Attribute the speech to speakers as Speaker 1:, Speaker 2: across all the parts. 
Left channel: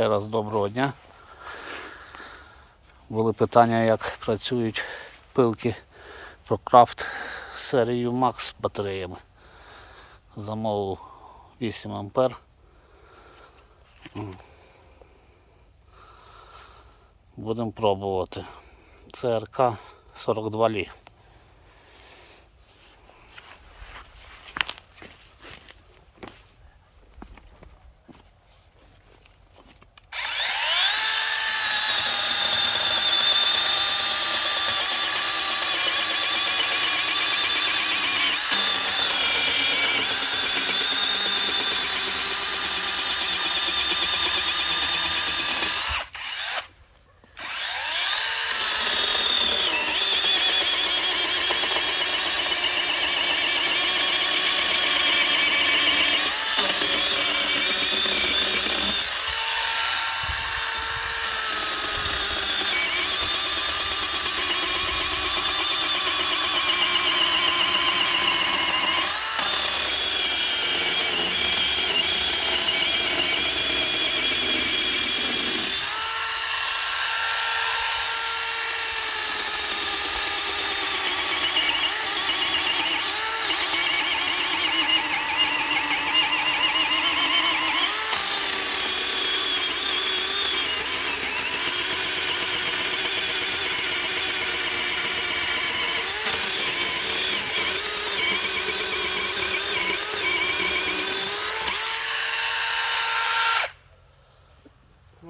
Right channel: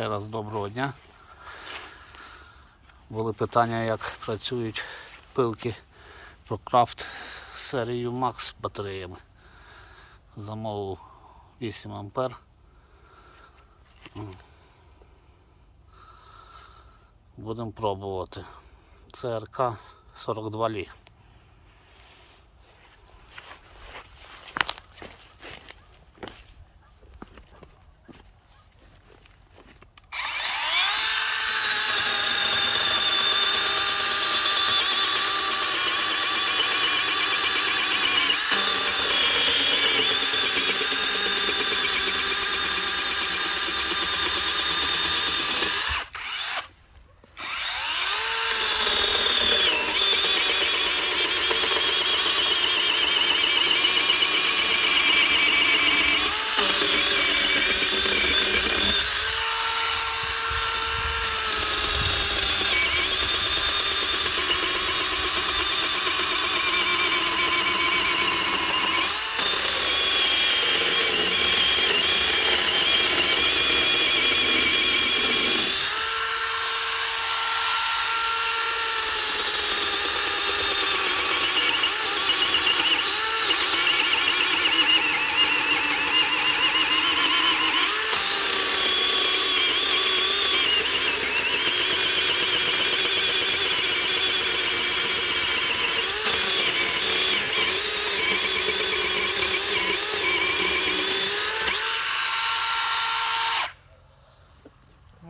Speaker 1: Ще раз доброго дня. Були питання, як працюють пилки ProCraft з серією Max з батареями. Замовив 8 ампер. Будемо пробувати. ЦРК 42 лі.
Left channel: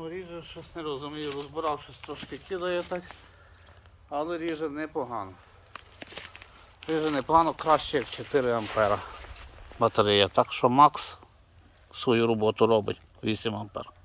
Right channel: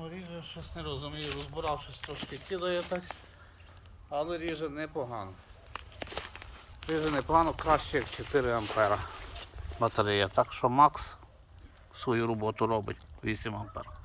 Speaker 1: Ріже щось не розумію, розбирав щось трошки кидає так, але ріже непогано. Ріже непогано, краще як 4 ампера батарея. Так що Макс свою роботу робить 8 ампер.